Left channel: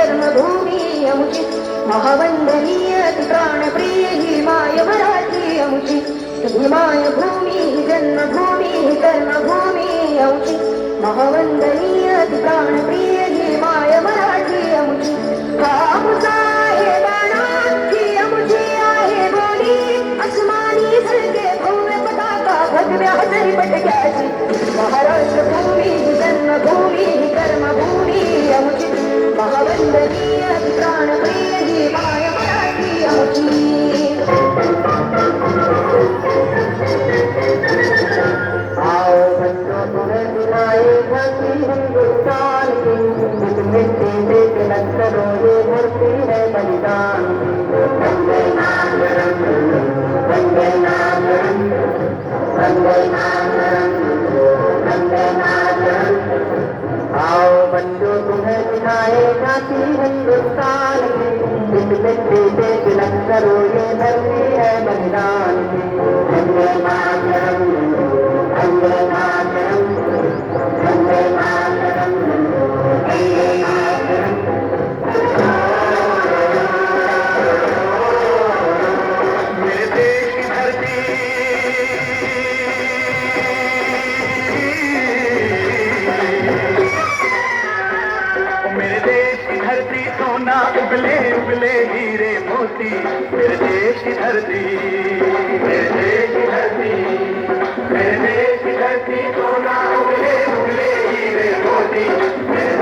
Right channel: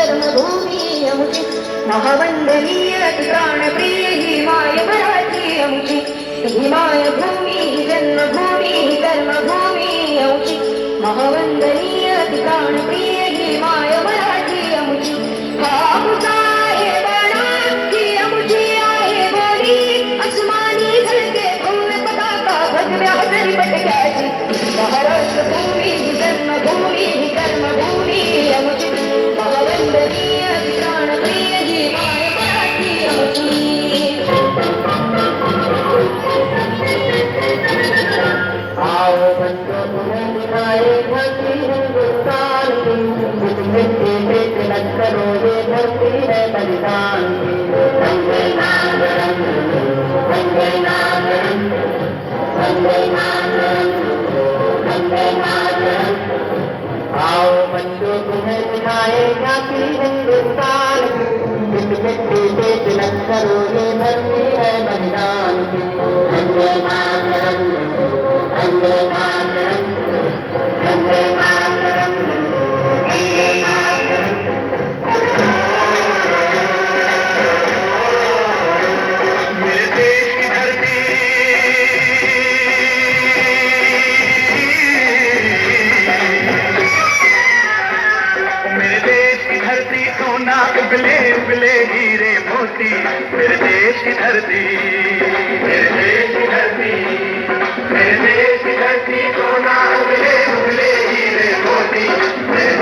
कर्मभूमी अमुची महावंदनीय प्राणप्रिय ही माय मराठी अमुची भीमाय भूमी जन्मभूमी कर्मभूमी अमुची महावंदनीय प्राणप्रिय ही माय मराठी अमुची बापूसा आहे बळा ही अमुची आहे बोली अस्मानी झळके भव्य पताका भगव्या हजरी पटक्याची महाराष्ट्र भूमी जन्मभूमी कर्मभूमी अमुची महावंदनीय प्राणप्रिय ही माय मराठी अमुची आओ संत पुरनिराये भक्ति हिंदुस्तान की मिट्टी में तिलक करो ये धरती है बलिदान की वंदे मातरम वंदे मातरम वंदे मातरम वंदे मातरम आओ बंदे तुम्हें दिखाए जाति हिंदुस्तान की मिट्टी में तिलक करो ये धरती है बलिदान की वंदे मातरम वंदे मातरम वंदे मातरम वंदे मातरम मेरे देश की धरती मेरे देश की धरती सोना उगले उगले हीरे मोती मेरे देश की धरती मेरे देश की धरती मेरे देश की धरती सोना उगले उगले हीरे मोती मेरे